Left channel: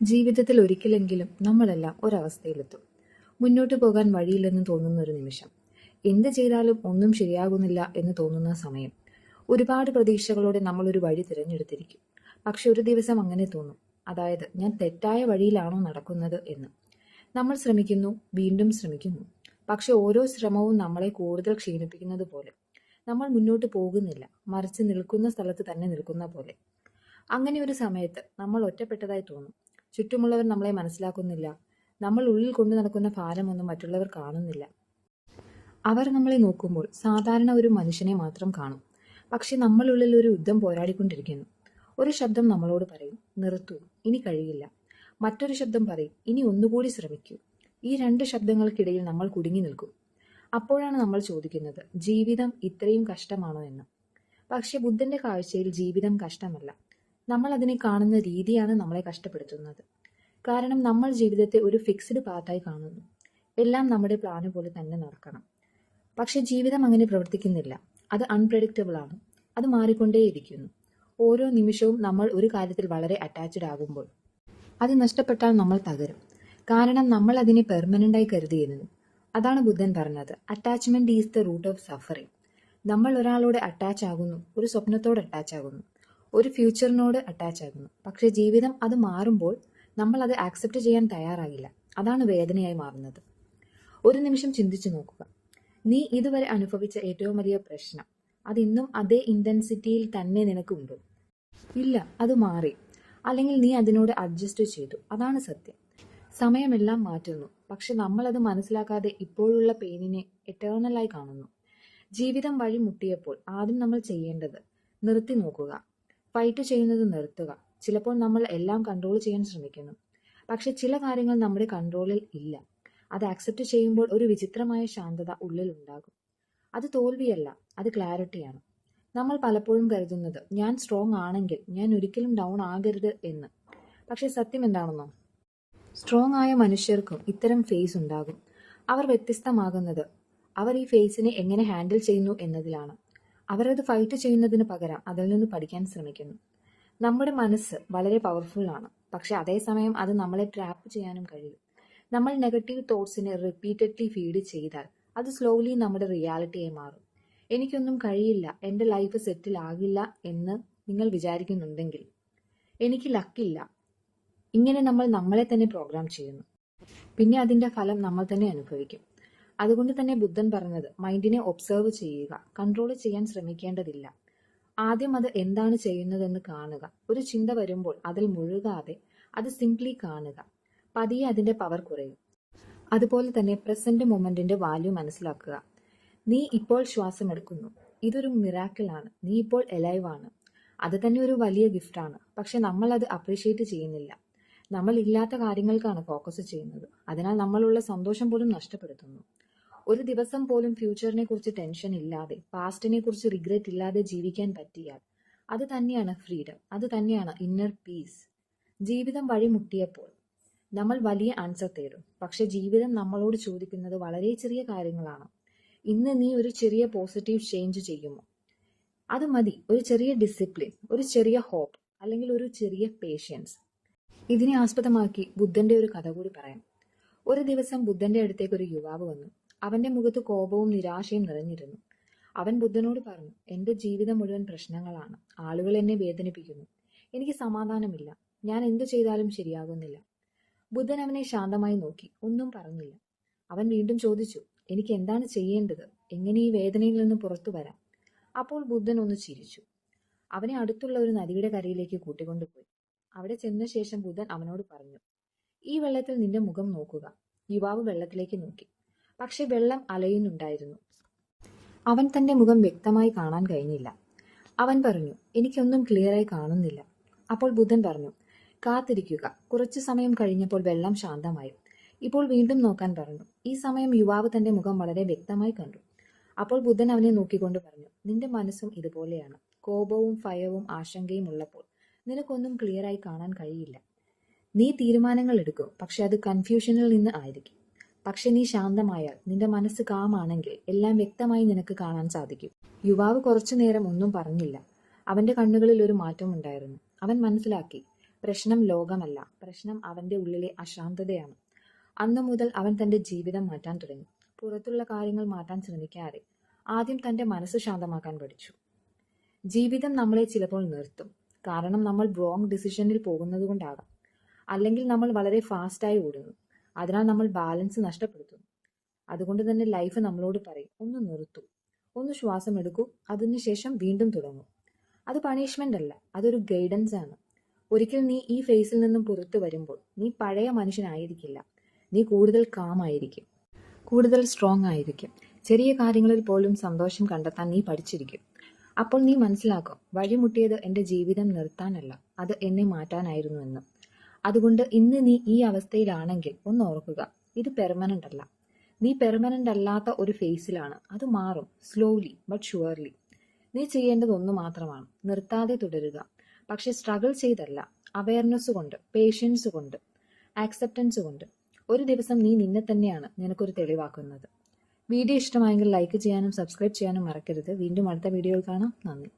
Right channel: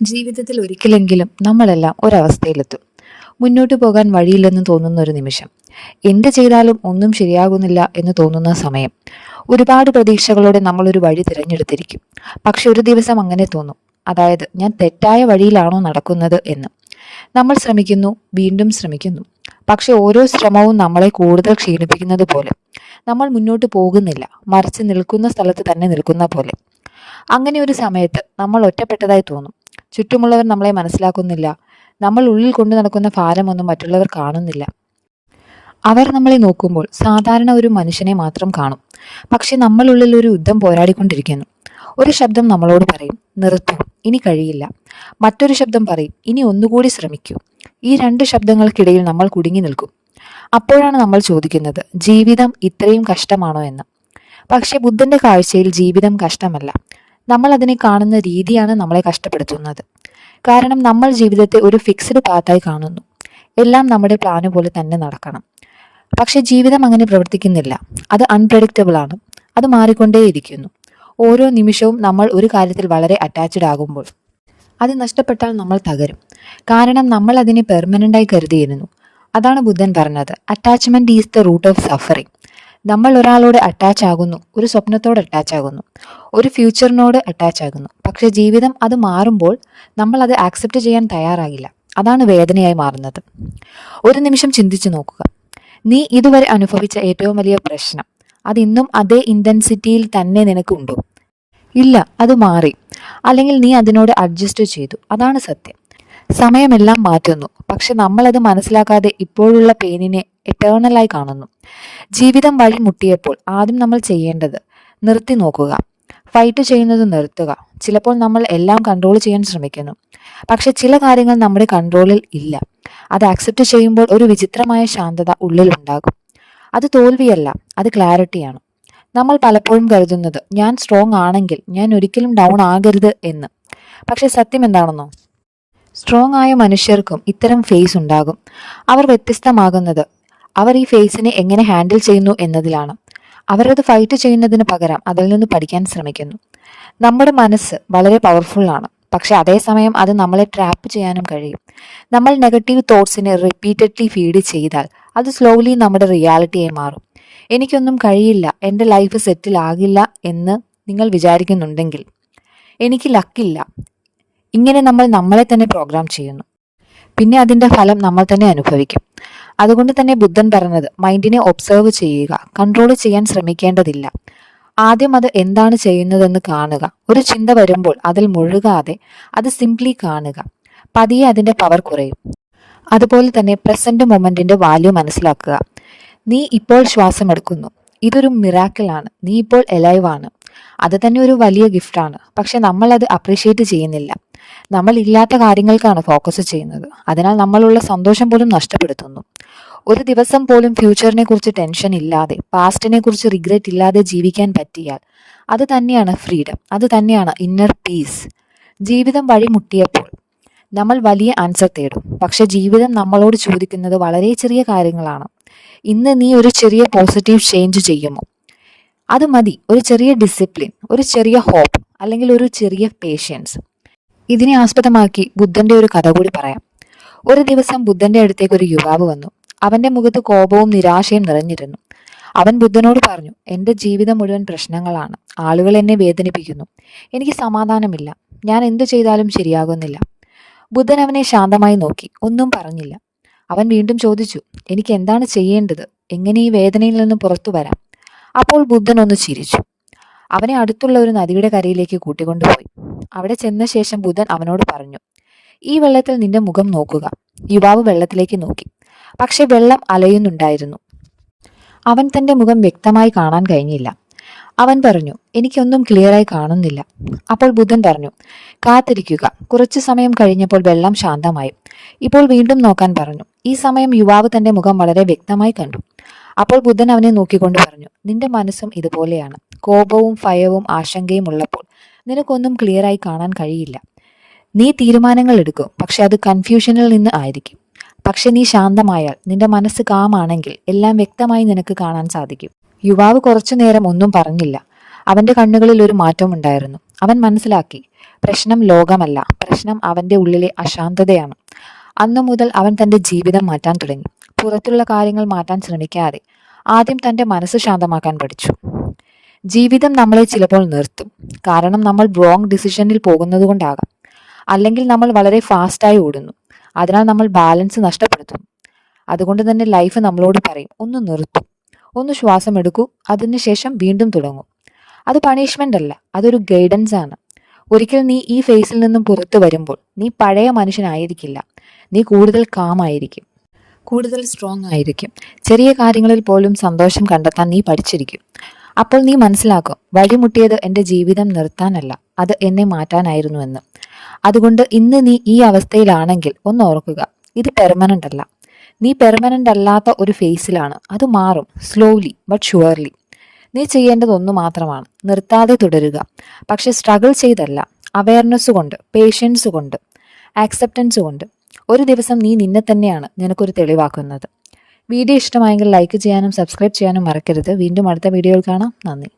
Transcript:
ജീവിതത്തിൽ ഒരിക്കലെങ്കിലും നമ്മളെല്ലാം ഒരവസ്ഥയിലെത്തും. മുന്നോട്ട് പോകാൻ വഴിയില്ലെന്ന് തോന്നുന്ന ഒരു നിമിഷം. എന്ത് ചെയ്താലും ഒന്നും ശരിയാകുന്നില്ല എന്ന് തോന്നുന്ന സമയം. ഒരുപാട് പ്രതീക്ഷകളോടെ നമ്മളൊരു വഴി തിരഞ്ഞെടുത്തിരിക്കും. പക്ഷെ ഒരു ദിവസം അങ്ങനെ തോന്നും. അതായത് ഞാൻ തെറ്റായ വഴിയിലാണോ നടക്കുന്നത് എന്ന്. നമ്മൾ ശ്രമിക്കുന്നു, വീണ്ടും ശ്രമിക്കുന്നു. പക്ഷെ ഓരോ ശ്രമവും നമ്മളെ കൂടുതൽ ക്ഷീണിപ്പിക്കുന്നത് പോലെ. നമ്മൾ മുന്നോട്ട് പോകുന്നില്ല, മറിച്ച് നിൽക്കുന്ന സ്ഥലത്ത് തന്നെ നിൽക്കുന്ന പോലെ. അങ്ങനെ ഒരു സമയത്ത് നമ്മൾ ഒറ്റപ്പെട്ടതായി തോന്നും. ചുറ്റുമുള്ളവർ നമ്മളെ മനസ്സിലാക്കുന്നില്ല. നമ്മൾ ഉള്ളിൽ കൊണ്ടു നടക്കുന്ന ഭാരമൊന്നും മറ്റുള്ളവർ കാണുന്നില്ല. അവർ നമ്മളെ നോക്കുമ്പോൾ സാധാരണ ഒരു മനുഷ്യനെ മാത്രം കാണും. പക്ഷെ നമ്മളുള്ളിൽ ഒരു യുദ്ധം പോരാടിക്കൊണ്ടിരിക്കുന്നു. ഒരു ശബ്ദം നമ്മളോട് പറയും, നിർത്തൂ, ഇനി കഴിയില്ല. മറ്റൊരു ശബ്ദം പറയും, ഇനി ഒന്നുകൂടി ശ്രമിക്കൂ. ഈ രണ്ട് ശബ്ദങ്ങൾക്കിടയിൽ നമ്മൾ കുടുങ്ങി നിൽക്കും. അപ്പോഴാണ് നമ്മൾ ചോദിക്കുന്നത്, ജീവിതം ഇത്രയും കഷ്ടമാണോ എന്ന്. പക്ഷെ ബുദ്ധന്റെ കാഴ്ചയിൽ ജീവിതം കഷ്ടമല്ല. നമ്മൾ അതിനെ കാണുന്ന രീതിയാണ് നമ്മളെ കഷ്ടപ്പെടുത്തുന്നത്. കാരണം നമ്മൾ ജീവിതത്തെ ഒരു ഫിക്സ്ഡ് പാത്തായി കാണുന്നു. എല്ലാം നമ്മുടെ പ്ലാന് പോലെ തന്നെ നടക്കണം. പക്ഷെ ജീവിതം അങ്ങനെ പ്രവർത്തിക്കുന്നില്ല. അത് അൺപ്രഡിക്റ്റബിൾ ആണ്. അത് മാറിക്കൊണ്ടേയിരിക്കുന്നു. ഓരോ നിമിഷവും നമ്മൾ ഒരു കാര്യത്തിൽ വളരെ അറ്റാച്ച്ഡ് ആകുമ്പോൾ അത് നഷ്ടപ്പെട്ടാൽ നമ്മൾ തകരും. കാരണം നമ്മൾ അതിനെ പെർമനൻ്റായി കരുതിയിരുന്നു. അതാണ് ബുദ്ധൻ പറഞ്ഞത്, attachment is the root of suffering. നമ്മൾ ഒരാളോട് അറ്റാച്ച് ആകുന്നു, ഒരു സ്വപ്നത്തോട് അറ്റാച്ച് ആകുന്നു, ഒരു ഫ്യൂച്ചറിനോട് അറ്റാച്ച് ആകുന്നു. പക്ഷെ ജീവിതം അത് മാറുമ്പോൾ നമ്മൾ അത് ആക്സെപ്റ്റ് ചെയ്യാൻ തയ്യാറാകില്ല. അതാണ് വേദനയായി മാറുന്നത്. ഒരു നിമിഷം ചിന്തിച്ചു നോക്കുക. നീ ഇതുവരെ അനുഭവിച്ച ഏറ്റവും വലിയ പ്രശ്നം അതിന്നും അതേ ഇൻറ്റൻസിറ്റിയിൽ തന്നെ നിനക്കുണ്ടോ? ഇല്ല, അത് മാറി. അല്ലെങ്കിൽ നീ അതിനോട് അഡ്ജസ്റ്റ് ചെയ്തു. അതാണ് സത്യം. സമയമെല്ലാം മാറ്റുന്നു. പക്ഷെ നമ്മളത് മനസ്സിലാക്കാതെ ഇപ്പോഴുള്ള പെയിനിനെ എറ്റേണലായി കാണുന്നു. ജീവിതം വഴി മുട്ടിയപ്പോൾ ആദ്യം നമ്മൾ ചെയ്യേണ്ടത് നിർത്തി നോക്കുക. ഫൈറ്റ് ചെയ്യുന്നത് നിർത്തുക. ചിലപ്പോൾ നമ്മൾ എല്ലാം കൺട്രോൾ ചെയ്യാൻ ശ്രമിക്കുന്നു. പക്ഷെ ചില കാര്യങ്ങൾ നമ്മുടെ കൺട്രോളിൽ ഇല്ല. അത് ആക്സെപ്റ്റ് ചെയ്യുമ്പോൾ ഒരു വിചിത്രമായ ശാന്തത ഉള്ളിലുണ്ടാകും. അത് തോൽവിയല്ല, അത് ക്ലാരിറ്റിയാണ്. നമ്മൾ പലപ്പോഴും കരുതുന്നത്, ഞാൻ സ്ട്രോങ് ആണെങ്കിൽ ഞാൻ ഒരിക്കലും ഡൗൺ ആകരുത് എന്ന്. പക്ഷെ സത്യം എന്താണെന്നോ? സ്ട്രോങ് ആയ മനുഷ്യർക്കും ഇത്തരം ഫേസ് ഉണ്ടാകും. അവർ വ്യത്യസ്തമാകുന്നത് അവർ ഈ ഫേസിനെ എങ്ങനെ ഹാൻഡിൽ ചെയ്യുന്നു എന്നതിലാണ്. അവരത് ഫൈറ്റ് ചെയ്യുന്നതിന് പകരം അതിൽ നിന്ന് പഠിക്കാൻ ശ്രമിക്കുന്നു. നമ്മുടെ മനസ്സ് വളരെ പവർഫുള്ളാണ്. പക്ഷെ അതേസമയം അത് നമ്മളെ ട്രാപ്പ് ചെയ്യാനും കഴിയും. നമ്മൾ നെഗറ്റീവ് തോട്ട്സിനെ റിപ്പീറ്റഡ്ലി ഫീഡ് ചെയ്താൽ അത് സ്ലോലി നമ്മുടെ റിയാലിറ്റിയായി മാറും. എനിക്കൊന്നും കഴിയില്ല, എൻ്റെ ലൈഫ് സെറ്റിൽ ആകില്ല എന്ന് നിങ്ങൾ വിചാരിക്കുന്നുണ്ടെങ്കിൽ എനിക്ക് ലക്കില്ല. ഇങ്ങനെ നമ്മൾ നമ്മളെ തന്നെ പ്രോഗ്രാം ചെയ്യുന്നു. പിന്നെ അതിൻ്റെ ഫലം നമ്മൾ തന്നെ അനുഭവിക്കും. അതുകൊണ്ട് തന്നെ ബുദ്ധൻ പറഞ്ഞത്, മൈൻഡിനെ ഒബ്സർവ് ചെയ്യുക, കൺട്രോൾ ചെയ്യാൻ ശ്രമിക്കേണ്ടതില്ല. ആദ്യം അത് എന്താണ് ചെയ്യുന്നതെന്ന് കാണുക. ഒരു ചിന്ത വരുമ്പോൾ അതിൽ മുഴുകാതെ അത് സിംപ്ലി കാണുക. പതിയെ അതിൻ്റെ പവർ കുറയും. അതുപോലെ തന്നെ പ്രസന്റ് മൊമെന്റിന്റെ വാല്യൂ മനസ്സിലാക്കുക. നീ ഇപ്പോൾ ശ്വാസം എടുക്കുന്നു. ഇതൊരു മിറാക്കിളാണ്. നീ ഇപ്പോൾ എലൈവ് ആണ്. അത് തന്നെ ഒരു വലിയ ഗിഫ്റ്റാണ്. പക്ഷെ നമ്മൾ അത് അപ്രീഷിയേറ്റ് ചെയ്യുന്നില്ല. നമ്മൾ ഇല്ലാത്ത കാര്യങ്ങൾക്കാണ് ഫോക്കസ് ചെയ്യുന്നത്. അതിനാൽ നമ്മളുള്ള സന്തോഷം പോലും നഷ്ടപ്പെടുത്തുന്നു. ഒരു ദിവസം പോലും ഫ്യൂച്ചറിനെ കുറിച്ച് ടെൻഷൻ ഇല്ലാതെ, പാസ്റ്റിനെ കുറിച്ച് റിഗ്രറ്റ് ഇല്ലാതെ ജീവിക്കാൻ പറ്റിയാൽ അത് തന്നെയാണ് ഫ്രീഡം. അത് തന്നെയാണ് ഇന്നർ പീസ്. ജീവിതം വഴിമുട്ടിയപ്പോൾ നമ്മൾ വലിയ ആൻസർ തേടും. പക്ഷെ ജീവിതം നമ്മളോട് ചോദിക്കുന്നത് വളരെ ചെറിയ കാര്യങ്ങളാണ്. ഇന്ന് നീ ഒരു ചെറിയ പോസിറ്റീവ് ചേഞ്ച് ചെയ്യുമോ? അത് മതി. ഒരു ചെറിയ ഡിസിപ്ലിൻ, ഒരു ചെറിയ ഹോപ്പ്, അല്ലെങ്കിൽ ഒരു ചെറിയ പേഷ്യൻസ്. ഇതിനെ ആസ്പദമാക്കി ബുദ്ധന്റെ ഒരു കഥ കൂടി പറയാം. ഒരു ദിവസം ബുദ്ധന്റെ അടുത്തേക്ക് ഒരു യുവാവ് വന്നു. അവന്റെ മുഖത്ത് കോപവും നിരാശയും നിറഞ്ഞിരുന്നു. അവൻ ബുദ്ധനോട് പറഞ്ഞു, എൻ്റെ ജീവിതം മുഴുവൻ പ്രശ്നങ്ങളാണ്. ആളുകൾ എന്നെ വേദനിപ്പിക്കുന്നു. എനിക്ക് സമാധാനമില്ല. ഞാൻ എന്തു ചെയ്താലും ശരിയാകുന്നില്ല. ബുദ്ധൻ അവനെ ശാന്തമായി നോക്കി, ഒന്നും പറഞ്ഞില്ല. അവൻ വീണ്ടും ചോദിച്ചു, എനിക്ക് എന്താണ് ചെയ്യേണ്ടത്? എങ്ങനെ ഈ വേദനയിൽ നിന്ന് പുറത്തു വരാം? അപ്പോൾ ബുദ്ധൻ ഒന്ന് ചിരിച്ചു. അവനെ അടുത്തുള്ള ഒരു നദിയുടെ കരയിലേക്ക് കൂട്ടിക്കൊണ്ടുപോയി. അവിടെ ചെന്ന ശേഷം ബുദ്ധൻ അവനോട് പറഞ്ഞു, ഈ വെള്ളത്തിൽ നിന്റെ മുഖം നോക്കുക. യുവാവ് വെള്ളത്തിലേക്ക് നോക്കി. പക്ഷെ വെള്ളം അലയുന്നുണ്ടായിരുന്നു. അവൻ തന്റെ മുഖം വ്യക്തമായി കാണാൻ കഴിഞ്ഞില്ല. അവൻ പറഞ്ഞു, എനിക്കൊന്നും ക്ലിയറായി കാണുന്നില്ല. അപ്പോൾ ബുദ്ധൻ പറഞ്ഞു, കാത്തിരിക്കുക. കുറച്ചു സമയം കഴിഞ്ഞപ്പോൾ വെള്ളം ശാന്തമായി. ഇപ്പോൾ വീണ്ടും നോക്കാൻ പറഞ്ഞു. ഈ സമയം യുവാവ് തന്റെ മുഖം വളരെ വ്യക്തമായി കണ്ടു. അപ്പോൾ ബുദ്ധൻ അവനെ നോക്കിക്കൊണ്ട് പറഞ്ഞു, നിന്റെ മനസ്സും ഇതുപോലെയാണ്. കോപവും ഭയവും ആശങ്കയും ഉള്ളപ്പോൾ നിനക്കൊന്നും ക്ലിയറായി കാണാൻ കഴിയില്ല. നീ തീരുമാനങ്ങൾ എടുക്കും, പക്ഷെ അത് കൺഫ്യൂഷനിൽ നിന്ന് ആയിരിക്കും. പക്ഷെ നീ ശാന്തമായാൽ, നിന്റെ മനസ്സ് കാമാണെങ്കിൽ എല്ലാം വ്യക്തമായി നിനക്ക് കാണാൻ സാധിക്കും. യുവാവ് കുറച്ചു നേരം ഒന്നും പറഞ്ഞില്ല. അവന്റെ കണ്ണുകളിൽ ഒരു മാറ്റമുണ്ടായിരുന്നു. അവൻ മനസ്സിലാക്കി, പ്രശ്നം ലോകമല്ല, പ്രശ്നം പ്രശ്നം അവൻ്റെ ഉള്ളിലെ അശാന്തതയാണ്. അന്നു മുതൽ അവൻ തൻ്റെ ജീവിതം മാറ്റാൻ തുടങ്ങി. പുറത്തുള്ള കാര്യങ്ങൾ മാറ്റാൻ ശ്രമിക്കാതെ ആദ്യം തൻ്റെ മനസ്സ് ശാന്തമാക്കാൻ പഠിച്ചു. ജീവിതം നമ്മളെ ചിലപ്പോൾ നിർത്തും. കാരണം നമ്മൾ റോങ് ഡിസിഷനിൽ പോകുന്നത് കൊണ്ടാകാം. അല്ലെങ്കിൽ നമ്മൾ വളരെ ഫാസ്റ്റായി ഓടുന്നു. അതിനാൽ നമ്മൾ ബാലൻസ് നഷ്ടപ്പെടുത്തുന്നു. അതുകൊണ്ട് തന്നെ ലൈഫ് നമ്മളോട് പറയും, ഒന്ന് നിർത്തൂ, ഒന്ന് ശ്വാസം എടുക്കൂ, അതിനുശേഷം വീണ്ടും തുടങ്ങൂ. അത് പണിഷ്മെൻ്റ് അല്ല, അതൊരു ഗൈഡൻസ് ആണ്. ഒരിക്കൽ നീ ഈ ഫേസിൽ നിന്നും പുറത്തു വരുമ്പോൾ നീ പഴയ മനുഷ്യനായിരിക്കില്ല. നീ കൂടുതൽ കാമായിരിക്കും, കൂടുതൽ സ്ട്രോങ് ആയിരിക്കും. ചെറിയ കാര്യങ്ങളിൽ പോലും സന്തോഷം കണ്ടെത്താൻ നീ പഠിച്ചിരിക്കും. അപ്പോൾ നീ മനസ്സിലാക്കും, വഴിമുട്ടിയത് എൻ്റെ ജീവിതം നിർത്താനല്ല, അത് എന്നെ മാറ്റാനായിരുന്നു എന്ന്. അതുകൊണ്ട് ഇന്ന് നീ ഈ അവസ്ഥയിലാണെങ്കിൽ ഒന്ന് ഓർക്കുക, ഇത് പെർമനൻ്റ് അല്ല. നീ പെർമനൻ്റ് അല്ലാത്ത ഒരു ഫേസിലാണ്. അത് മാറും, സ്ലോലി ബട്ട് ഷുവർലി. നീ ചെയ്യേണ്ടത് ഒന്ന് മാത്രമാണ്, നിർത്താതെ തുടരുക. പക്ഷെ സ്ട്രഗിൾ ചെയ്തല്ല, അവയർനെസ് കൊണ്ട്, പേഷ്യൻസ് കൊണ്ട്, ആക്സെപ്റ്റൻസ് കൊണ്ട്. ഒരു ദിവസം നീ നിന്നെ തന്നെയാണ് നിനക്കൊരു തെളിവാക്കുന്നത്. വീഡിയോ ഇഷ്ടമായെങ്കിൽ ലൈക്ക് ചെയ്യാനും സബ്സ്ക്രൈബ് ചെയ്യാനും മറക്കരുത്. വീണ്ടും അടുത്ത വീഡിയോയിൽ കാണാം. നന്ദി.